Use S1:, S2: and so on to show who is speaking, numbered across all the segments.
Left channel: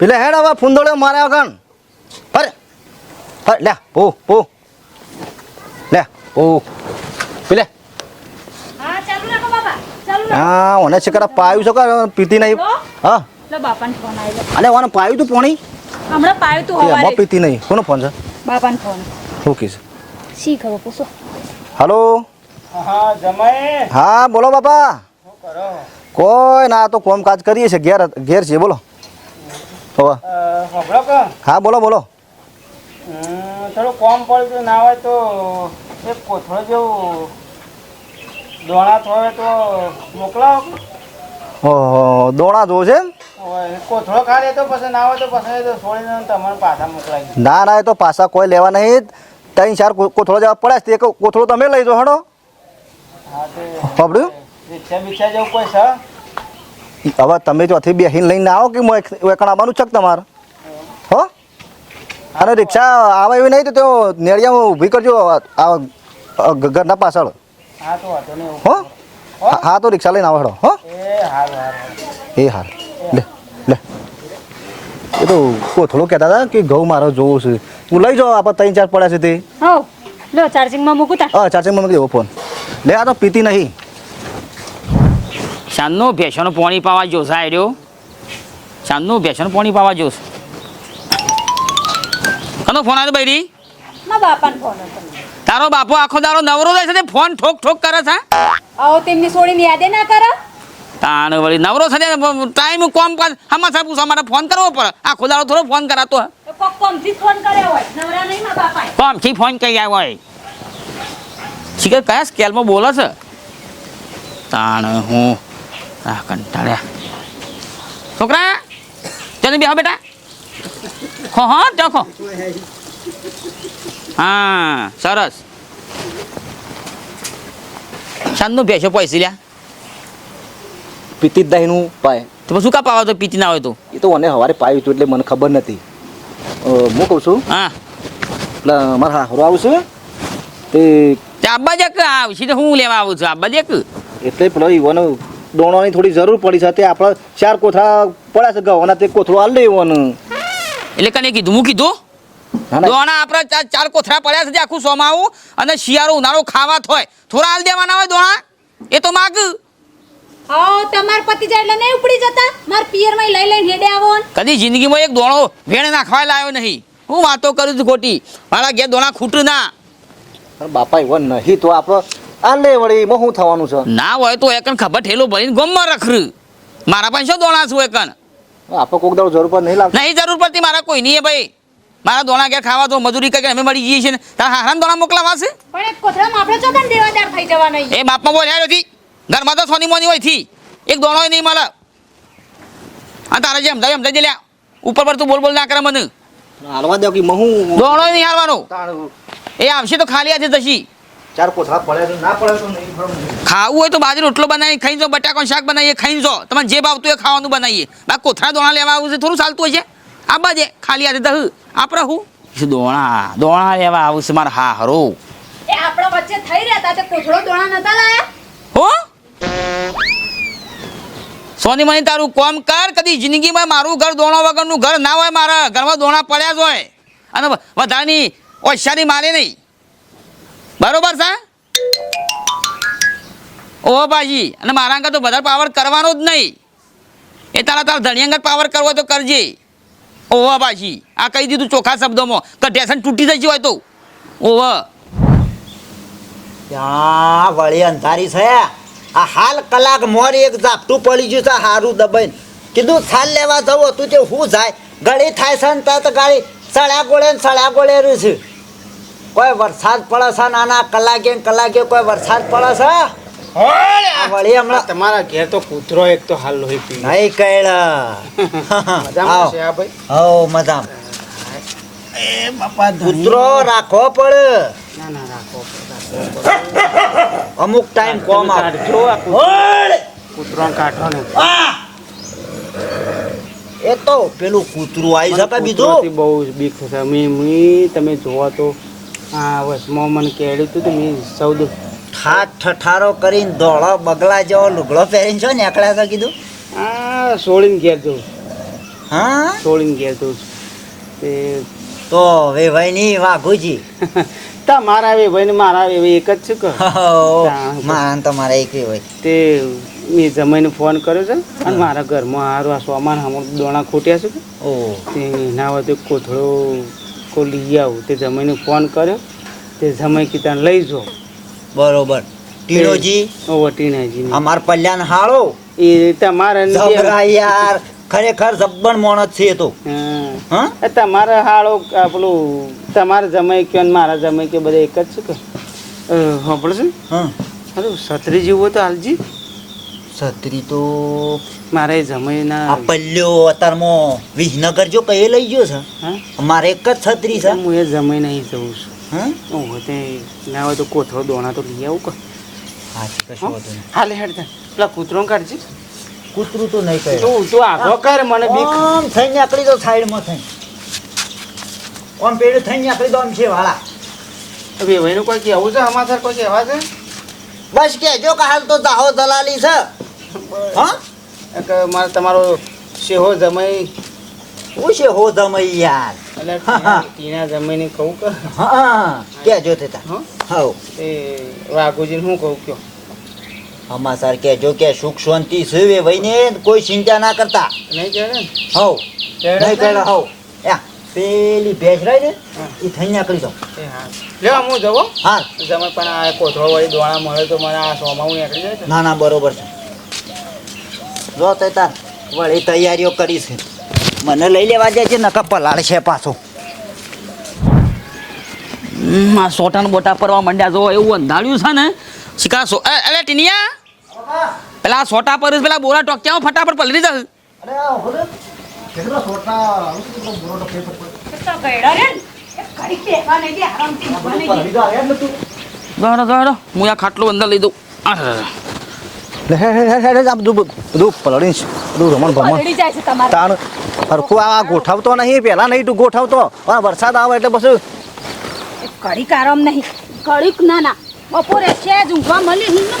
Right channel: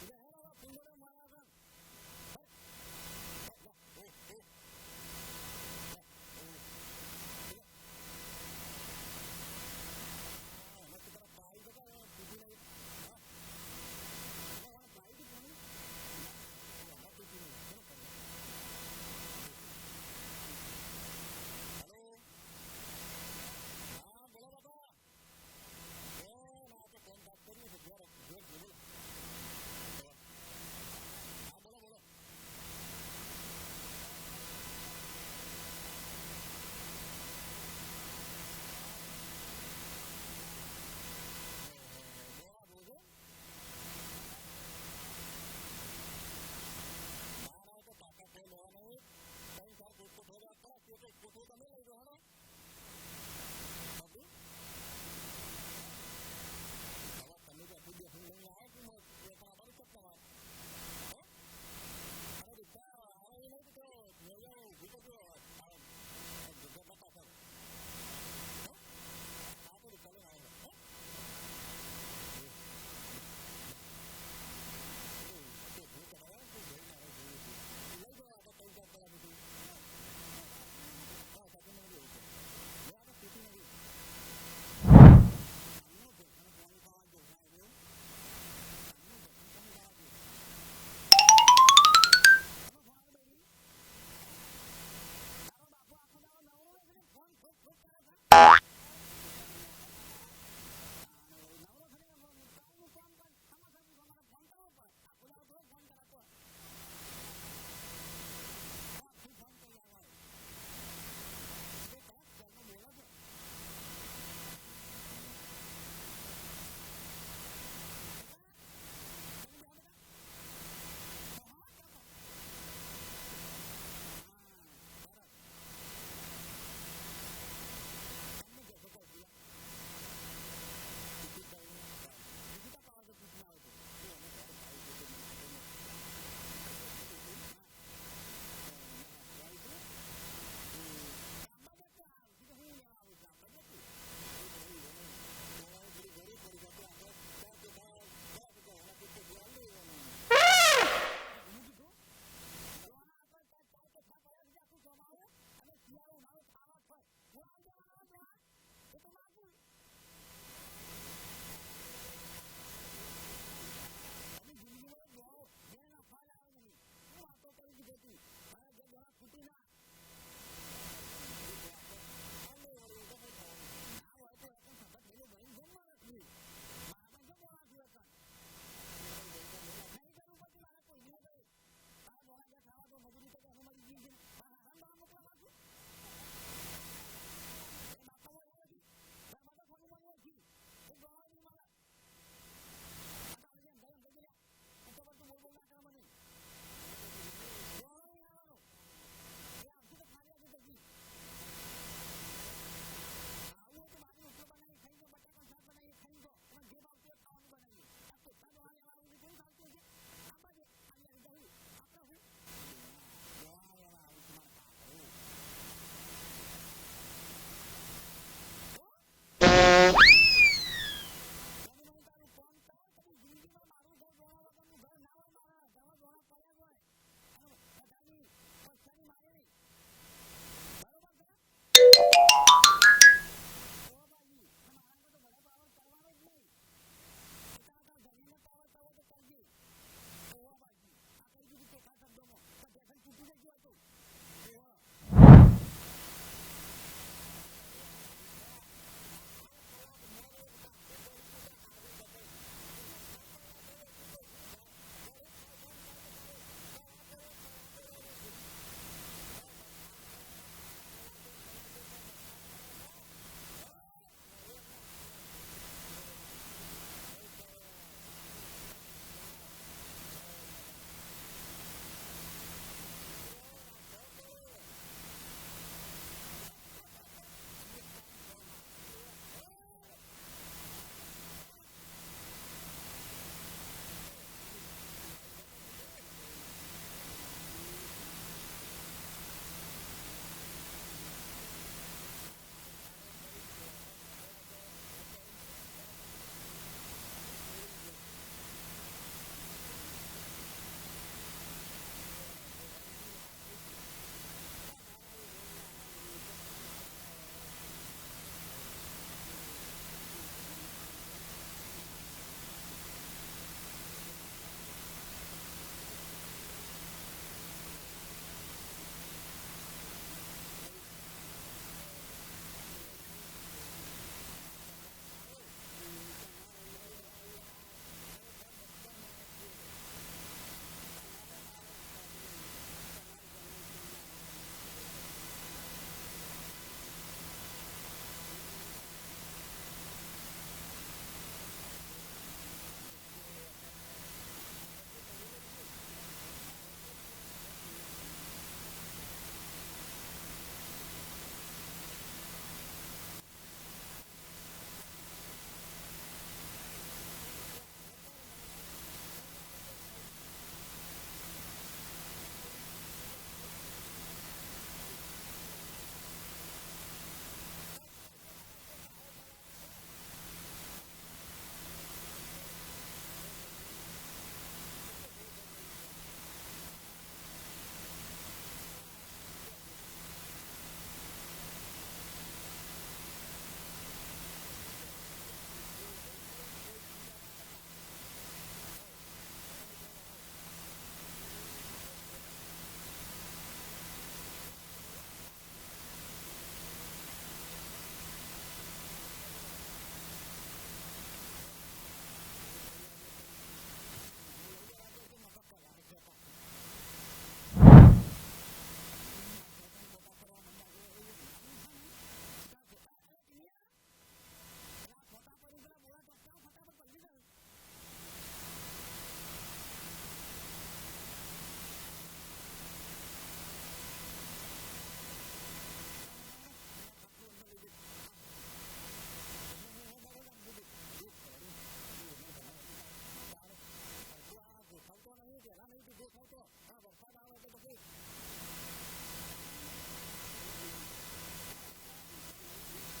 S1: પેલે હેડ હવે ફૂંદોળ્યો મારે આગળ પર પર લે પો પો. લે પો. પેલે.
S2: હા ચાલુ રાખો બાપા ચાલુ
S1: હા ઓને છે પાયું છે કે પીતી નહીં.
S2: હા. લે બાપાને ફોન આવ્યો
S1: અલે ઓને પાયું તું પોણી?
S2: હમણાં પાયું તું
S1: હવારે. એમાં પીતી નહીં. કોનો ફોન છે?
S2: બાપાને ફોન
S1: ઓકે છે
S2: શી ખબર પૂછો.
S1: હેલો.
S3: હા જમાઈ.
S1: હા બોલો બાપા.
S3: શું કરો?
S1: કોઈ ના આ તો કામકાજ કરીએ છે ઘેર ઘેર છે બોલો. હવે. હા બોલો બોલો.
S3: થોડું કોમ પડતું ના હોય તો એક કોથળો જેવું દોણા થોડે તો મોકલાવો
S1: ઓહો દોણા જોવો છે
S3: કોથળો ખાલી તો પછી ના હોય તો પછી તો છોડીને તમારે પાછા મોકલાવી
S1: ના ના એ તો પાછા કોઈ લેવા નહીં. ત્રણ ચાર કોથળો જેવા પડે છે તે કોથળો તમે લઈ જો હડો.
S3: હા તે
S1: સાંભળ્યું
S3: રિક્ષા બિક્ષા જેવું કોઈ છે?
S1: હવે તમે જો બે બેહીને લઈને આવો કે એકણ આવવાનું છે તમારે? હો? અને રિક્ષા આવે એવી નહીં તો નેળિયા નેળિયામાં ઊભી કરજો આ ઘરના પાછળ.
S3: હા તો વાંધો નહીં એવું
S1: હો? તો રિક્ષા લઈને આવો હો?
S3: એ હારું
S1: લે લે. એ તો કોથળો કહેતા હતા કે ઘઉં મારો જોવો છે. તું લઈ જાઓ આપણે ત્રણ ચાર પડ્યા છે તે.
S2: હો લો ચાર્જિંગમાં મૂકું તા
S1: હા ચાર્જિંગમાં મૂકી દેવો ફોન. લે આ તો પીતી નહીં.
S4: સાંજનું ભેંસોનું પાણી પાવા જોશે આ રહ્યો સાંજનું ભેંસોનું પાણી પાવા જોશે. કનો ફોન આવ્યો બૈરી? તારો બાપો આખો દાડો નવરો થાય છે ફોન ઠોક ઠોક કરે છે
S2: આવો તેમની છોડીને યાદે ના કરો.
S4: તાણ વળી નવરો છે ટાઈમ કોમ પાસ હમાસા પૂછવા માટે ફોન કરવો પડે. આખો દાડો થોડો ફોન કરાતો
S2: કોમથી ફોન કર્યો હોય? નવરા નહીં મારા બાપાએ?
S4: કોમથી ફોન કરી આવ્યો હોય? શીખર કયા સ્કેલમાં બોલે છે? તાણ હું આ કંટાળ્યા છોકરા ચાલ બેહો બેટા ખો હા ત્યાં ખો હા સરસ શાનનું ભેંસો પૈસી લ્યા
S1: પીતી જ નહીં નું પાય
S4: તો શું કાપ તો પીતી ના હોય તો
S1: એ તો મને સવારે પાયું હતું એટલે મને ખબર નથી હું કહું છું
S4: હા
S1: એટલે મારા હારો આવશે તે
S4: તે આબ્બા જક આવશે તો હું લેવા આવું છું આબ્બા જક
S1: એટલે પેલો ઈવોને દોણવાની થોડી જરૂર પડી છે. તે આપણે ચાર કોથળા પડ્યા છે ગવાના તે કોથળો હાલ લેવાનું
S4: એટલે કને કીધું હું કીધું? દોણા આપણા ચાર ચાર કોથળા પડ્યા છે તે આખું સોમાવું અને શિયાળો ઉનાળો ખાવા થોય. થોડા હાલ દેવાના હોય દોણા? એ તો માગ.
S2: હા તમાર પતિ જાય એટલે નહીં ઉપડી જતા? માર પિયરમાં લઈ લઈને હેડે આવો
S4: કદી જિંદગીમાં એક દોણો ભેણ નાખવા લાવ્યો નહીં. હું વાતો કરું છું ખોટી. મારા ઘેર દોણા ખૂટ ના.
S1: બાપા એવો નહીં તો આપણે આ લે વળી એમાં શું થવાનું છે?
S4: ના હોય તો એકન ખબર ઠેલો ભરીને ગમમાં રખરું મારા પાસે શું દોણા છું એકન?
S1: આપણે કોક દાડો જરૂર પર નહીં લાગતી
S4: નહીં જરૂર પડતી મારા કોઈ નહીં ભાઈ. મારા દોણા ઘેર ખાવા તો મજૂરી કરીને અમે મળી જઈએ છીએ ને. તારા હારાને દોણા મોકલાવા છે?
S2: પણ એક કોથળામાં આપણે ચોકન દેવાદાર થઈ જવા નહીં
S4: એ બાપમાં બોલ્યા નથી ઘરમાં તો સોની મોની હોયથી એક દોણો નહીં મળે. આ તારે જેમ થાય એમ થઈ લ્યા ઉપર પર તું બોલ બોલ ના કરે મને.
S1: હાલવા દો કે મહુ
S4: દોણો નહીં હારવાનો એ આવશે તો ખાલી આજે જશી.
S1: ચાર કોથળા પડ્યા છે ના પડ્યા તો નહીં
S4: ખાવું હોય તો બાજરી રોટલો બનાવી ખાઈ જો બટાકાનું શાક બનાવીએ ખાઈ જો. તમારે જે ભાવતું એ ખાવાનું બનાવીએ. બાકી કોથળા દોણા લેવા આવું છે થોડું ચાલતું હોય છે? આ બાજે ખાલી આજે દહ. આપણે હું? દોણા? દોણા લેવા આવું છે મારા હા હરો
S2: એ આપણા વચ્ચે થઈ રહ્યા તા કોથળો દોણા નતા લાયા?
S4: હો? સોની મની તારું કોમ કર કદી જિંદગીમાં મારું ઘર દોણા વગરનું ઘર ના હોય મારા ઘરમાં દોણા પડ્યા જ હોય. અને વધારાની ઓછાની મારે નહીં. બરોબર છે? ઓ ભાજી અને મારા અંગત તો વધારે પાવર કરવાનો જ નહીં. એ તારા તારા ધણી અંગત પાવર કરવો તો કરજે. ઓવા ભાજી આ કહી દીધું ચોખ્ખા શબ્દોમાં. કે ઢેસન તૂટી જઈ હોય તો.
S5: ઓવ વળી અંધારી છે. આ હાલ કલાક મોર એક ઝાપટું પડી ગયું છે, હારું દબાઈને. કીધું છાલ લેવા જવું હતું તે હું જાય? ગળી થાય છે ને તત ગાળી. સળ્યા ગોળે ને સળ્યા ગોળે રહ્યું છે. કોઈ વરસાદ પડે છે નાના કલાકે કલાકે કોઈ વરસાદ પડે છે? વળી હમણાં
S3: તમારા ઘેર તો કૂતરો એક તો હાલ લોહી પી
S5: નહીં
S3: ભાઈ?
S5: હો મજામ.
S3: એ બાપા
S5: કૂતરો રાખવો પડે.
S3: ના ના રાખો
S5: અમુક ટાઈમ કોમ
S3: કૂતરો. કૂતરો કાઢો ને.
S5: એ તો પેલું કૂતરું આવી શકે બીજું.
S3: બહુ બીક છે. મી તમે જોવા તો આ વસમાં મને કેળ્યું હતું તો મેં સૌદ.
S5: ઠાઠ ઠઠારો કરીને ધોળો બગલા જેવો લુગડો પહેરીને છો ને એકલા તો કીધું?
S3: હા સોળીને ઘેર જવું
S5: હા?
S3: સોળીને ઘેર છું. તે
S5: તો વેવાઈ નહીં વાઘુજી
S3: તમારા વે ભાઈ ને મારા વે એક જ છે કે.
S5: માન તમારા એક હોય.
S3: તે મેં જમાઈને ફોન કર્યો છે અને મારા ઘરમાં હારું આ સોમાન હમણાં દોણા ખૂટ્યા છે કે.
S5: ઓ.
S3: તે ના હોય તો કોથળો કો લઈ આવું. તે જમાઈને ફોન કર્યો. તે જમાઈ કીધા લઈ જો.
S5: બરોબર. ટીનોજી
S3: વટીનાજી
S5: અમાર પલ્યાન હાળો?
S3: એ તમારે
S5: જબરા યાર. ખરેખર જબ્બન મોણસ છે તો.
S3: હા. તમારે હાળો આપણું તમારા જમાઈ કયો ને મારા જમાઈ કયો બધા એક જ છે કે? સાંભળશે
S5: હા.
S3: અરે છત્રી જેવું તો હાલજી.
S5: છત્રી તો
S3: મારે
S5: આ
S3: પલ્લ્યો
S5: પલ્યો વિજનગર જો કઈ લઈ ગયો છે?
S3: હા?
S5: મારે એક જ છત્રી છે.
S3: હું એ જમીન અહીં જઉં છું.
S5: હા?
S3: હું હોય તે ના હોય તો કોથળો દોણા તો લઈ આવું કે. હાલે હેડ તા. પેલા કૂતરો કાઢજી.
S5: કૂતરું તો નહીં કહે
S3: તું તું આગો કર મને બીક.
S5: આમ થઈને આકડી તો સાઈડમાં થઈ આમ પેડું થઈને આકડી દો આમ છે વાળા.
S3: એનું કોઈ કહેવું છે? સમાચાર કોઈ કહેવા છે?
S5: બસ કે જો કે હાલ તો દાહો દલાલી છે. હા?
S3: એક મારે તમારો શેહો જમાઈ
S5: હું હો દમઈ યાર?
S3: એટલે ટીના- જમાઈને કહું કે
S5: હા કેજો તે તા?
S3: હં? એ વાઘુજીને શું કહું કયો?
S5: અમા સર કે જો કે સુખ શાંતિ સુવે વઈને કોઈ ચિંતા ના કરતા.
S3: નહીં કે ને?
S5: હવ. નહીં કેળે હવ. યા પેલી ભેજ રહી ને એ થઈ નીકળી જાવ
S3: એ હા. હું જવો.
S5: હા
S3: તમે પણ આ કોઠો વળી દોણા મળે તો મને આ સોમાવું નીકળી જાય
S5: ના ના બરોબર છે. જો તે તાર વળી તૈયારીઓ કરી છે મને લઈ લેવા જાય છે નકા પલાળ છે પાછો
S4: આ સોટાન બોટા પરવા મંડ્યા જો એવું અંધાળ્યું છે ને. શિકાસો એ, ટીનિયા. પેલા સોટા પર પેલા બોરા ટોક્યા ફટાફટ પલરી જશે. દોડો દોડો હું આ ખાટલો અંદર લઈ દઉં. આ,
S1: લે હે હે હે હે હે, આ બધું બધું પલળી બધું રમણ ભમણ.
S2: જાય છે તમારે.
S1: તાણ હરખું આ ગોઠવતો નહીં પહેલા નહીં તું ગોઠવતો. આ વરસાદ આવે એટલે બસ
S2: એ ઘડીક આરામ નહીં. કડીક ના ના. બપોરે છે જ ઊંઘવા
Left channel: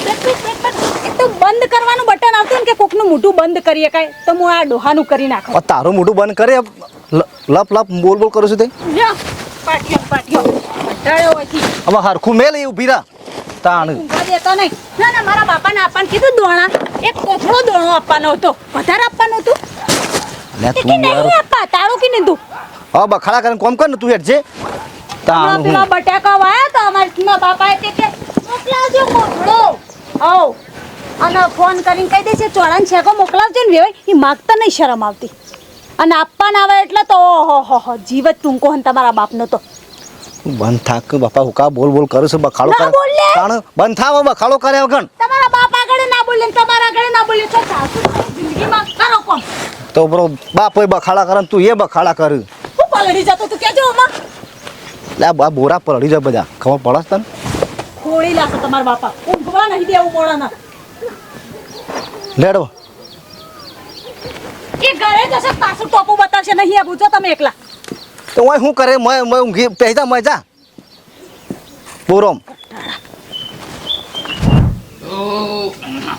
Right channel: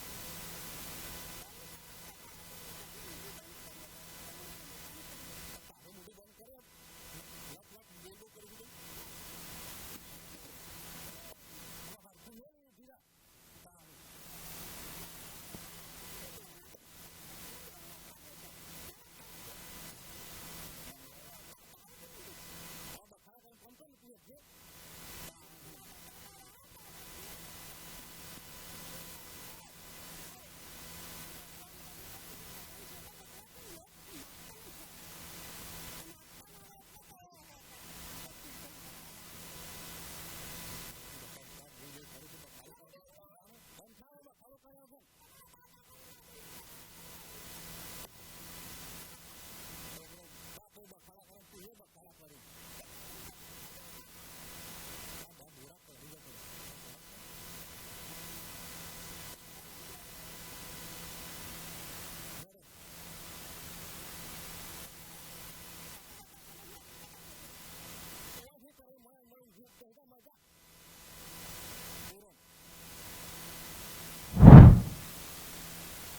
S2: પેટ એક તો બંધ કરવાનું બટન આવતું ને કે કોકનું મોઢું બંધ કરીએ કાંઈ તો હું આ ડોહાનું કરી નાખું.
S1: તારું મોઢું બંધ કરે લપ લપ બોલ બોલ કરું છું તે.
S2: પાટિયો પાટિયો. કંટાળ્યો હોયથી
S1: હવે હરખું મેલ એ ઊભી રહા. તાણ.
S2: ઊંઘવા દેતો નહીં. ના ના મારા બાપાને આપવાનું કીધું દોણા. એક કોથળો દોણો આપવાનો હતો. વધારે આપવાનું હતું.
S1: લે તું
S2: નહીં આપવા? તારું કે તું?
S1: હવે બખાડા કરીને કોમ કર ને તું હેઠજે. તાણ
S2: પેલા બટાકા વાયા તો અમારા બાપાએ તે કે મોકલાવજો કોથળો. આવ. અને ફોન કરીને કહી દેશે ચોળાને છેકો મોકલાવજો ને વેવાય એ માગતા નહીં શરમ આવતી. અને આપવાના આવે એટલે તો ઓહો હો હો જીવ ટૂંકો હન તમારા બાપનો તો.
S1: બંધ થાક કે બાપા હુકા બોલ બોલ કરું છું? બખાડો કરે.
S2: બોલ.
S1: બંધ થાવ બખાડો કરે વગર.
S2: તમારા બાપ આગળ ના બોલે તમારા આગળ ના બોલે તો જિંદગીમાં કરો કોમ
S1: તો બરો બાપ હોય બખાડા કરે તું એ બખાડા કર.
S2: હું પલડી જતો તું કેજો ઓમાં
S1: લે બા બોરા પલડી જાય બધા. ખબર પડે તને?
S2: ખોળી લાશે તમારા બાપા. ઊંઘવા નહીં દેવું મોડાના.
S1: લેડો.
S2: એ ઘરે જશે પાછું ટોપું બતાવશે નહીં આ પૂછો તમે એકલા.
S1: તો ઓય શું કરે? મેં મેં ઊંઘી પહેજા મેં જા. બોરોમ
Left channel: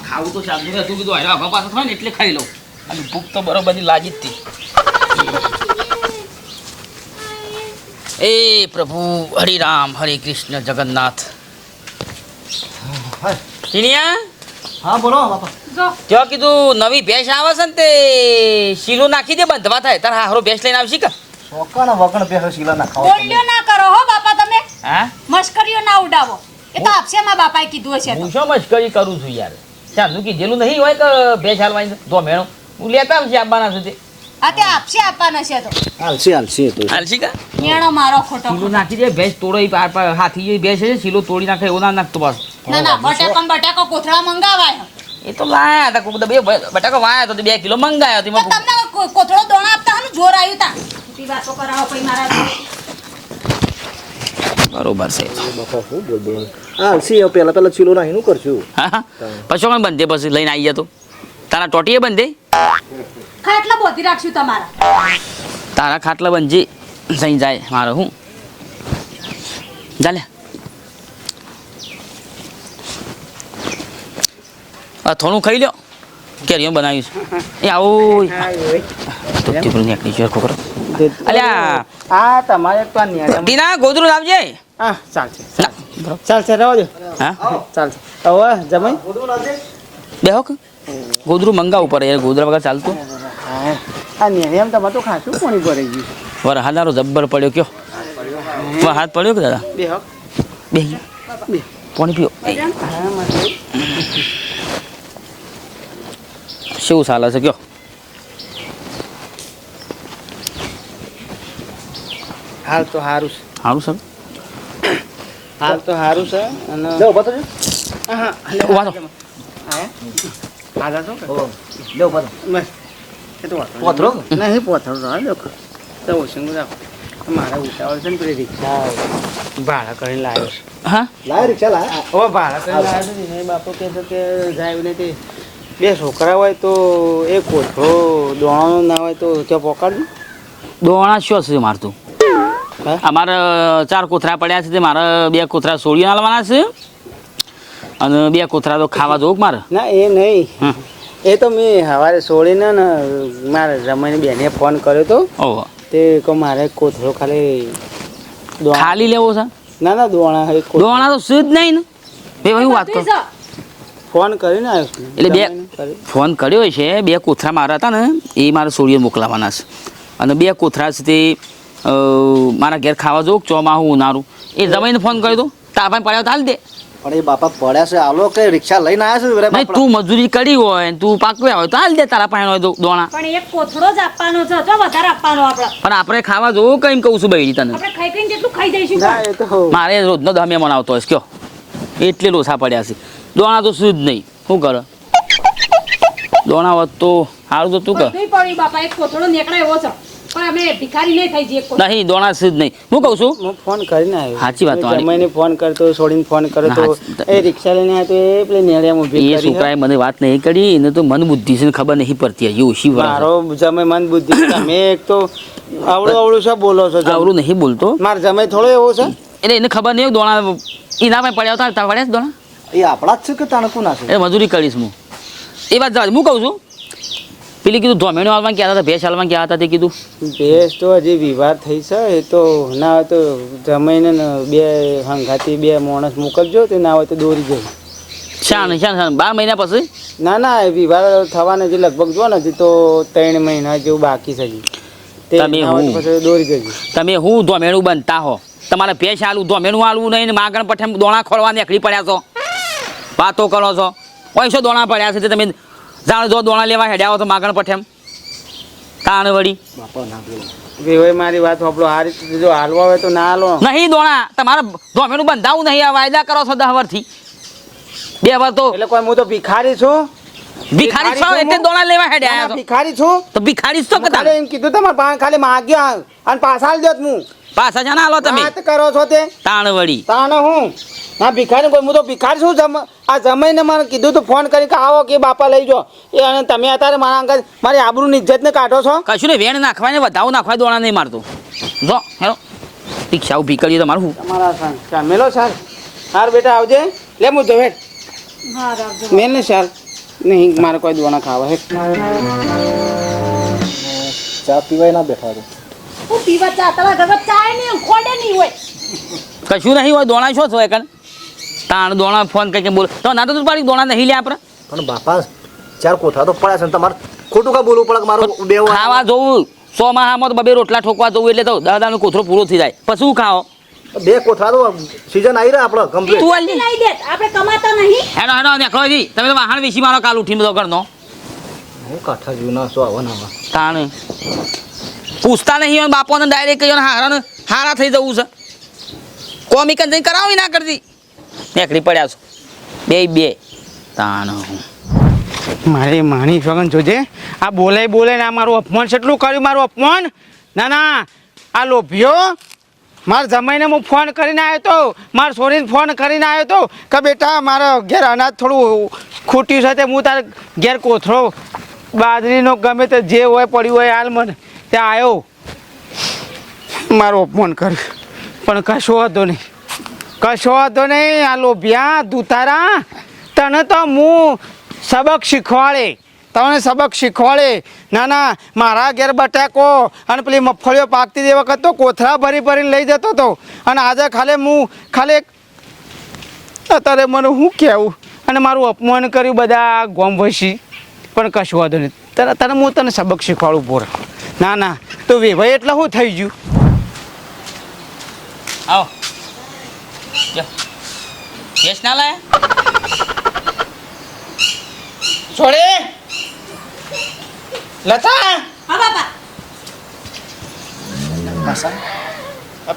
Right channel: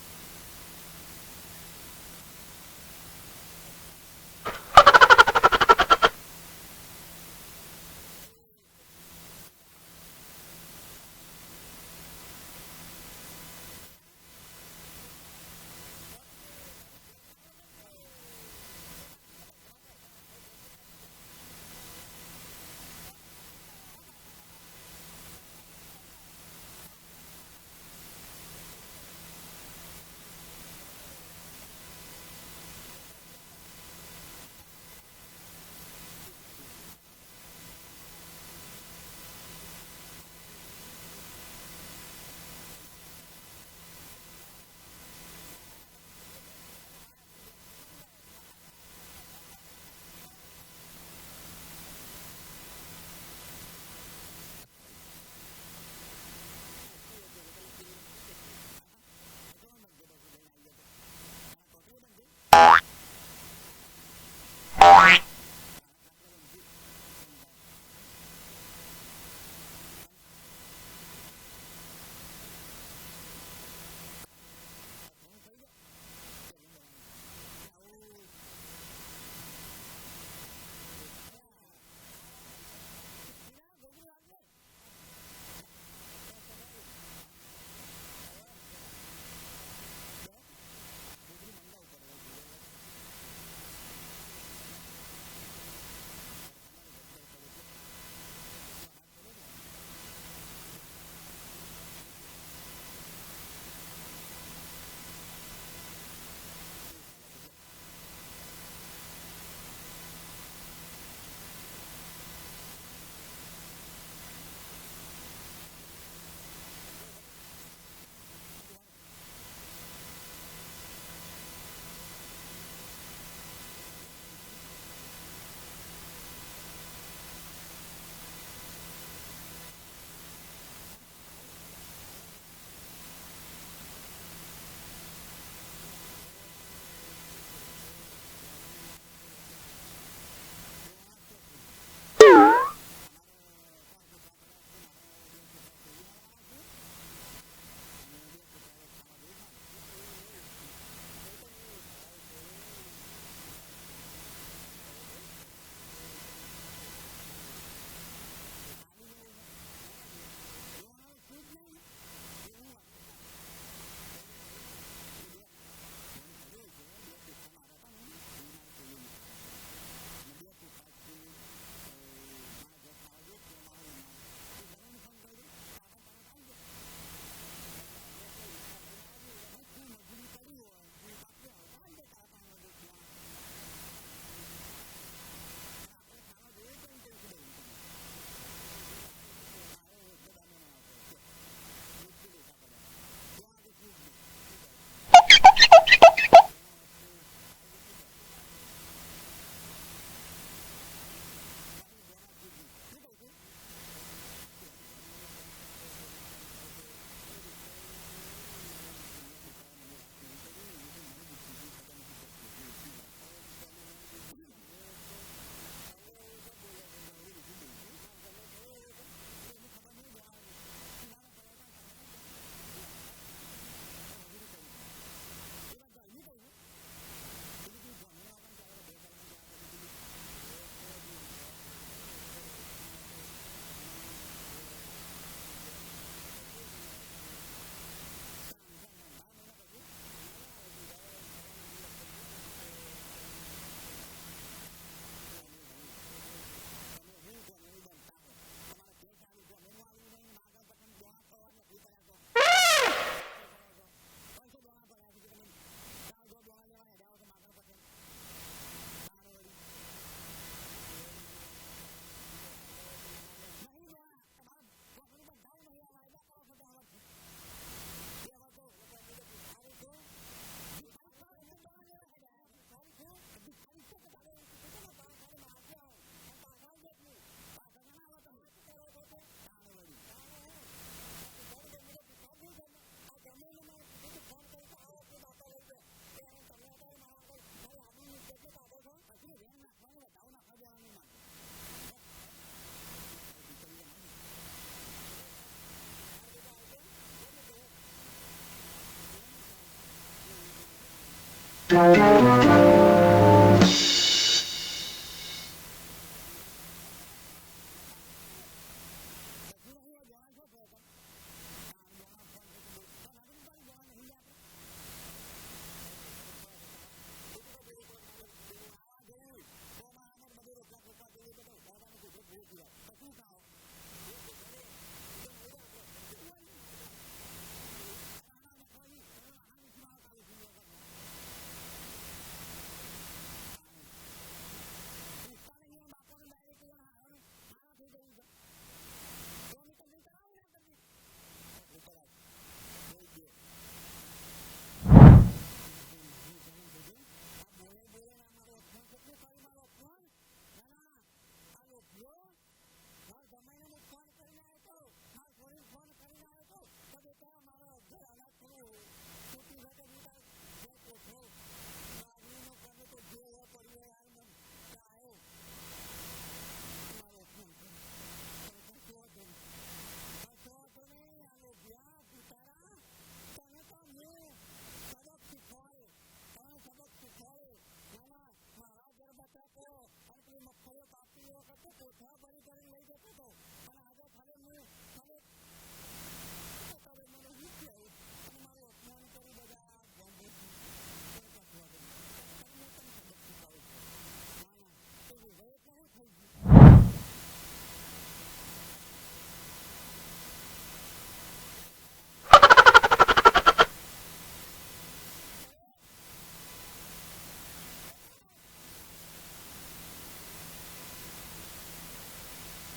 S4: ખાવું તો શાંતિ હતું કીધું હાલ્યો આગળ પાછળ થાય ને એટલે ખાઈ લઉં. અને ભૂખ તો બરોબર લાગી જ હતી. એ પ્રભુ હરિ રામ હરે કૃષ્ણ જગન્નાથ. ટીનિયા
S1: હા બોલો બાપા.
S4: ત્યાં કીધું નવી ભેંસ આવે છે ને તે? શીલું નાખી દે બંધવા થાય. તારા હારો ભેંસ લઈને આવશી કા?
S1: ચોકાના વગણ બે શીલા ના ખાવ
S2: બોલ્યો ના કરો હો બાપા તમે.
S4: હા?
S2: મશ્કરીઓ ના ઉડાવો. એ તો આપશે માં બાપાએ કીધું હશે
S4: હું શું મશ્કરી કરું છું યાર? ચાંદુ જેલું નહીં હોય કે ભેંસ હાલવાની તો મેણો. હું લેતા આવશે આપવાના સુધી.
S2: હા તે આપશે આપવાના છે તો.
S1: હાલસી હાલસી તો.
S4: હાલશી કા?
S2: મેણો મારો ખોટો
S4: શીલો નાખી દે ભેંસ તોડોઈ પાર પાર હાથી જે ભેંસ છે શીલો તોડી નાખે એવું ના નાખતો બસ.
S2: ના ના બટાકો બટાકો કોથળા મંગાવાય
S4: એ તો લાયા હતા કોક બે બટાકો વાયા તો બે કિલો મંગાયા
S2: તો તમને કો- કોથળો દોણા આપતા હને જોર આવ્યું તા. ખોટી વાતો કરાવો પછી મારા
S4: બરોબર છે.
S1: હા સી પેલા પેલા ચીલો નાખી નું કરશું.
S4: હા પછી કોણ બંધે? પછી લઈને આવી તો. તારા ટોટીએ બંધે?
S2: ખાટલા બોધી રાખશું તમારા.
S4: તારા ખાટલા બંધી સહી જાય મારો હું. ચાલે થોડું ખાઈ લ્યો. કેરીઓ બનાવ્યું છે એ આવું તો પેલું નીકળી ગયો ખોખરો. અલ્યા.
S3: આ તમારે તો
S4: ટીના ગોદરું લાવજે.
S3: હા ચાલશે. ચાલશે રહો દો.
S4: હા?
S3: ચાલશે. હવે જમાઈ.
S4: બેહો ગોદરું મંગાવવું પડે યાર ગોદરા વગર ચાલતું.
S3: હા. આ ન્યાય એમ તમારે તો ખાસું પાણી ભરાઈ ગયું.
S4: વર હાદારો જબ્બર પડ્યો કયો? હાથ પડ્યો કે દાદા?
S3: બે
S4: બે. પાણી પીઓ. શું ચાલે છે કયો?
S3: હાલ તો સારું છે.
S4: સારું સર
S3: હાલ તો સારું છે અને
S1: લે ઊભા થજો.
S3: હા, હા?
S1: લે.
S3: બસ. એ તો
S1: પોથરો
S3: નહીં. નહીં પોથરો રહો દેખો તો ઓછું રાખો. મારે ઉતાવળ છે ને પેલી રિક્ષા. ભાડા કરીને લાવ્યો છે.
S4: હા?
S1: લાય રિક્ષા લાય?
S3: ભાડા કરીને લાવ્યો છે બાપુ કહે છે કે જાય ને તે બે છોકરા હોય તો એ કોથળો દોણાનો ના હોય તો ત્યાં પોકાડજો
S4: દોણા શું છે મારતું અમારે ચાર કોથરા પડ્યા છે તે મારે બે કોથરા સોળી નાલવાના છે. અને બે કોથરા તો ખાવા જોઉં મારે?
S3: ના એ નહીં. એ તો મેં સવારે સોળીને ને મારે રમાઈને બેને ફોન કર્યો તો.
S4: ઓહો.
S3: તે કહો મારે કોથળો ખાલી દોણા
S4: ખાલી લેવો છે?
S3: ના ના દોણા એક
S4: દોણા તો શું જ નહીં ને. બે ભાઈ વાત કર.
S3: ફોન કરીને આવ્યો છું.
S4: એટલે બે- ફોન કર્યો છે બે કોથરા મારા હતા ને એ મારા સોળીઓ મોકલાવાના છે. અને બે કોથરા છે તે મારા ઘેર ખાવા જવું ચોમાહું ઉનાળું. એ જમાઈને ફોન કર્યો તો તાપાને પડ્યો તો હાલ દે.
S1: પણ એ બાપા પડ્યા છે આલો કે રિક્ષા લઈને આવ્યા છે?
S4: નહીં તું મજૂરી કરી હોય તું પાકવ્યા હોય તો હાલ દે તારા પાસે દોણા.
S2: પણ એક કોથળો જ આપવાનો છે તો વધારે આપવાનો આપણે
S4: પણ આપણે ખાવા જવું કઈ કહું છું બૈરી તને?
S2: આપણે ખાઈ કઈ જેટલું ખાઈ જઈશું?
S3: ના એ તો
S4: મારે રોજનો દમે મનાવતો હોય કયો. એટલે લોસા પડ્યા છે. દોણા તો શું જ નહીં. શું કરે? દોણા હોત તો સારું તો તું કર.
S2: બધુંય પડ્યું બાપા એક કોથળો નીકળે એવો છે. પણ અમે ભિખારી નહીં થઈ જઈએ
S4: નહીં દોણા છે જ નહીં. હું કહું છું?
S3: હું ફોન કરીને આવ્યો.
S4: સાચી વાત તમારી.
S3: જમાઈને ફોન કરતો છોડીને ફોન કર્યો તો
S4: ના, સાચી-
S3: એ રિક્ષા લઈને આવ્યો તો એ પેલી નેળિયામાં હું
S4: એ
S3: કરી
S4: છોકરાએ મને વાત નહીં કરી એને તો મન બુદ્ધિ છે ખબર નહીં પડતી. હજી ઓછી
S3: મારો જમાઈ મન બુદ્ધિ તમે એક તો આવડું આવડું છે બોલો છો જમ-
S4: આવડું નહીં બોલતો.
S3: મારો જમાઈ થોડો એવો છે?
S4: એટલે એને ખબર નહીં દોણા એના પડ્યા હતા પડ્યા દોણા?
S1: એ આપણા જ છે કે તાણે ના છે?
S4: એ મજૂરી કરીશ હું. એ વાત જવા હું કહું છું પેલી કીધું ધોમેણો હાલમાં ક્યાં હતા ભેંસ હાલમાં ક્યાં હતા તે કીધું.
S3: ભેંસ તો હજી વિવાદ થઈ છે એ તો ના હોય તો જમાઈને બે હંગાથી બે માણસ મોકલજો તે ના હોય તો દોરી જજો.
S4: શાન શાન શાન. બાર મહિના પછી?
S3: ના ના એ વિવાદ થવાના જે લગભગ જો ને હજી તો ત્રણ મહિના જેવું બાકી છે હજી. તે
S4: તમે
S3: તો
S4: હું?
S3: દોરી જજો.
S4: તમે હું ધોમેણું બનતા હો. તમારે ભેંસ હાલું ધોમેણું હાલવું નહીં ને માગણ પઠે દોણા ખોલવા નીકળી પડ્યા છો. વાતો કરો છો? પૈસો દોણા પડ્યા છે? તે તમે જાણ જો દોણા લેવા હેડ્યા હો તો માગણ પઠેમ તાણ વળી.
S1: બાપા ના બોલો
S3: વેવાઈ મારી વાત આપણો આ રીતે જો હાલવા હોય તો ના હાલો.
S4: નહીં દોણા. તમારે ધોમેનું બંધાવું નહીં. આ વાયદા કરો છો દહ વર્ષથી બે વાર તો
S3: એટલે કોઈ હું તો ભિખારી છું?
S4: ભિખારી છો? એટલે દોણા લેવા હેડ્યા
S3: ભિખારી છું.
S4: તો ભિખારી છો
S3: તારે? એમ કીધું તમારે પાસે ખાલી માગ્યા. અને પાછા આલી દેત હું.
S4: પાછા જાના આલો તમે.
S3: વાત કરો છો તે.
S4: તાણ વળી
S3: તાણ હું? ના ભિખારી કોઈ હું તો ભિખારી છું જમ આ જમાઈને મને કીધું તું ફોન કરી કે આવો કે બાપા લઈ જાઓ એ અને તમે અત્યારે મારા અંકલ મારી આબરૂની ઇજ્જતને કાઢો છો?
S4: કશું ને વેણ નાખવા ને વધાવું નાખવા દોણા નહીં મારતો. જો હેલો. રિક્ષા ઊભી કરી તો મારું
S3: તમારા સર મેલો સાર સાર બેટા આવજે. લે હું જો હેઠ
S2: હા
S3: મેલ ને સાર નહીં મારે કોઈ દોણા ખાવા હે
S1: ચા પીવાય ના બેઠા
S2: હું પીવા ચા તારા ઘર ચાય નહીં ખોડે નહીં હોય.
S4: કશું નહીં હોય દોણા શું છો એકણ તાણ દોણા ફોન કઈ બોલ. તો ના તો તું પાડી દોણા નહીં લે આપણે.
S1: પણ બાપા ચાર કોથા તો પડ્યા છે ને તમારે. ખોટું કા બોલવું પડે મારું બે
S4: ખાવા જોવું સો માહામાં તો બબે રોટલા ઠોકવા જવું એટલે તો દાદાનો કોથરો પૂરો થઈ જાય. પછી શું ખાઓ?
S1: બે કોથા તો સીઝન આવી રહ્યા આપણે કમ્પ્લીટ
S4: તું આલી
S2: લઈ દે આપણે કમાતા નહીં.
S4: હેડો હેડો નેખો જી તમે તો વાહણ વિશી મારો કાલ ઉઠીને બધો કરનો
S1: હું કાઠા જીવના સો આવવાના આવા.
S4: તાણ. પૂછતા નહીં હોય બાપોને ડાયરેક્ટ કહ્યું હારાને હારા થઈ જવું છે. કોમી કંઈ કરાવી ના કરતી. નેકડી પડ્યા છો. બે બે. તાણ
S3: મારે માણી ફગન જોજે. આ બોલે બોલે ને આ મારું અપમાન કેટલું કર્યું મારું અપમાન? ના ના. આ લોભ્યો મારા જમાઈને હું ફોન કરીને આવ્યો તો, મારા છોરીને ફોન કરીને આવ્યો તો, કે બેટા, મારા ઘેર અનાજ થોડું ખૂટ્યું છે તે હું તારે ઘેર કોથળો બાજરીનો ગમે તે જે હોય પડ્યું હોય, હાલ મને. ત્યાં આવ્યો મારું અપમાન કર્યું પણ કશો હતો નહીં. કશો હતો નહીં, આ લોભિયા દુતારા તને તો હું સબક શીખવાડે. તમને સબક શીખવાડે. ના ના, મારા ઘેર બટાકો અને પેલી મગફળીઓ પાકતી તે વખત તો કોથળા ભરી ભરીને લઈ જતો હતો. અને આજે ખાલી હું ખાલી અત્યારે મને શું કહેવું? અને મારું અપમાન કર્યું બધા ગોમ વસી. પણ કશું વાંધો નહીં. તને તને હું તને સબક શીખવાડું પોર ના ના તો વેભાઈ એટલે શું થઈ ગયું?
S4: આવો. કેસ ના લાયા?
S3: છોડે. લતા.
S2: હા બાપા.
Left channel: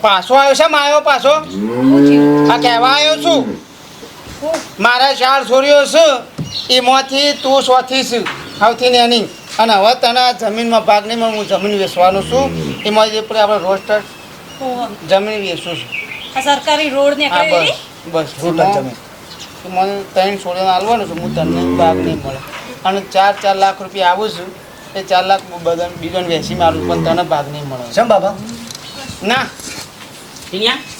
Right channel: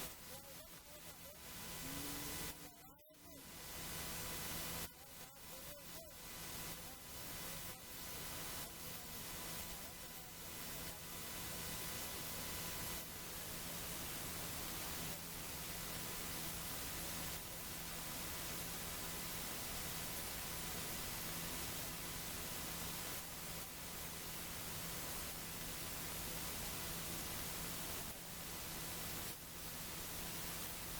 S3: પાછો. આવ્યો છે માયો પાછો. આ કહેવા આવ્યો છું. મારા ચાર છોરીઓ છે. એમાંથી તું સોથી છે. સૌથી નહીં અને હવે તને જમીનમાં ભાગ નહીં મળે હું જમીન વેચવાનું છું. એમાં જે પણ આપણે રોસ્ટર જમીન વેચું છું.
S2: સરકારી રોડ ને
S3: હા બસ બસ.
S1: રૂટલ જમીન.
S3: મને ત્રણ છોડીને હાલવાનું છે. હું તને ભાગ નહીં મળે. અને ચાર ચાર લાખ રૂપિયા આવું છું. એ ચાર લાખ બધા બીજોને વેચી મારું પણ તને ભાગ નહીં મળે.
S1: શેમ બાબા?
S3: ના.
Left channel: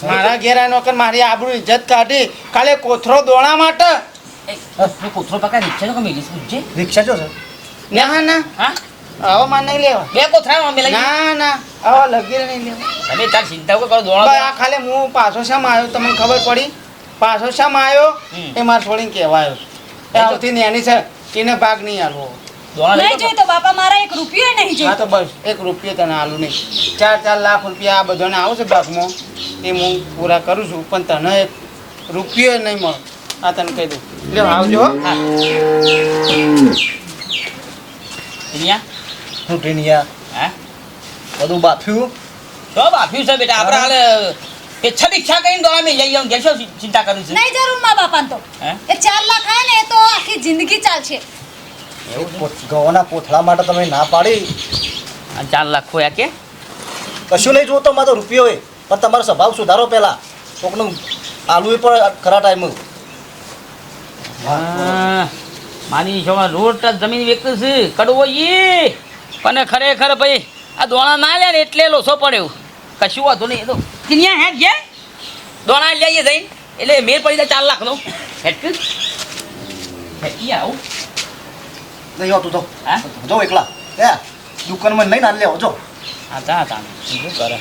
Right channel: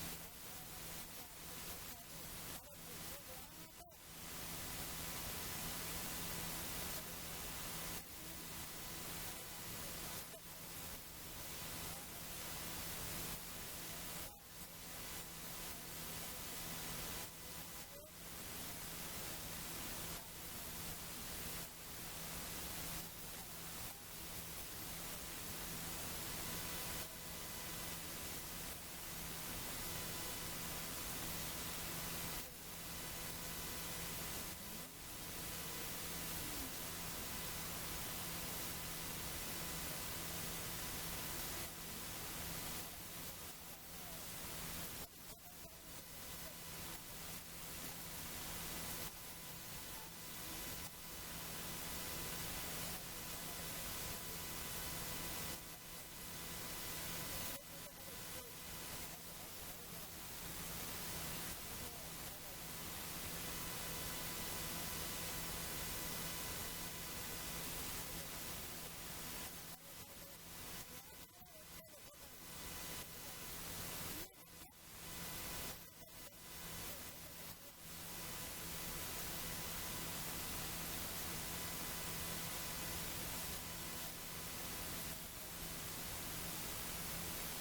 S3: મારા ઘેર આનો કે મારી આબરૂ ઇજ્જત કાઢી. કાલે કોથરો દોણા માટે.
S4: કોથરો પકડી રિક્ષા
S1: રિક્ષા જો છે.
S3: ના ના
S4: હા?
S3: આવો માર નહીં લેવા.
S4: બે કોથરા મેલા
S3: ના ના આવો લગી નહીં લેવા.
S4: તમે તાર ચિંતા કરો
S3: આ ખાલી હું પાછો શામાં આવ્યો? તમને ખબર પડી? પાછો શામાં આવ્યો? એ મારે છોડીને કહેવા આવ્યો એ આવતી નાની છે એને ભાગ નહીં આલવો.
S2: નહીં જોઈ તો બાપા મારા એક રૂપિયો નહીં
S3: હા તો બસ એક રૂપિયો તને આલું નહીં. ચાર ચાર લાખ રૂપિયા આ બધાને આવશે ભાગમાં. એ હું પૂરા કરું છું પણ તને એક રૂપિયો નહીં મળે. આ તને કહી દઉં. લે આવજો હો.
S4: ટીનિયા
S1: હું ટીનિયા
S4: હા?
S1: બધું બાફ્યું.
S4: તો બાફ્યું છે બેટા. આપણે હાલે એ છ રિક્ષા કરીને દોણા અમે લઈ આવું. ઘેર ચિંતા કરું છું?
S2: નહીં જરૂર મા બાપાન તો. એ ચાર લાખ આવે ને એ તો આખી જિંદગી ચાલશે.
S1: એવું ઘઉંના પોથળા માટે તમે ના પાડી.
S4: આ ચાર લાખ ખોયા કે?
S1: કશું નહીં જોતો મારો રૂપિયો હોય. પણ તમારો સ્વભાવ સુધારો પહેલા. કોકનું આલુ પણ ખરા ટાઈમ
S4: માની છો રોડ ટચ જમીન વેચતું છે કડવો ઈ. પણ ખરેખર ભાઈ આ દોણા ના લે ને એટલે લોસો પડ્યો કશું વાંધો નહીં એ તો. કિન્યા હેડ ગયા દોણા લઈએ જઈને. એટલે મેર પડી જાય ચાર લાખનો. હેઠ હેડ આવું.
S1: નહીં આવતું તો
S4: હા?
S1: જો એકલા. હે દુકાનમાં નહીં ના લેવો જો
S4: હા તા તા શું કરે?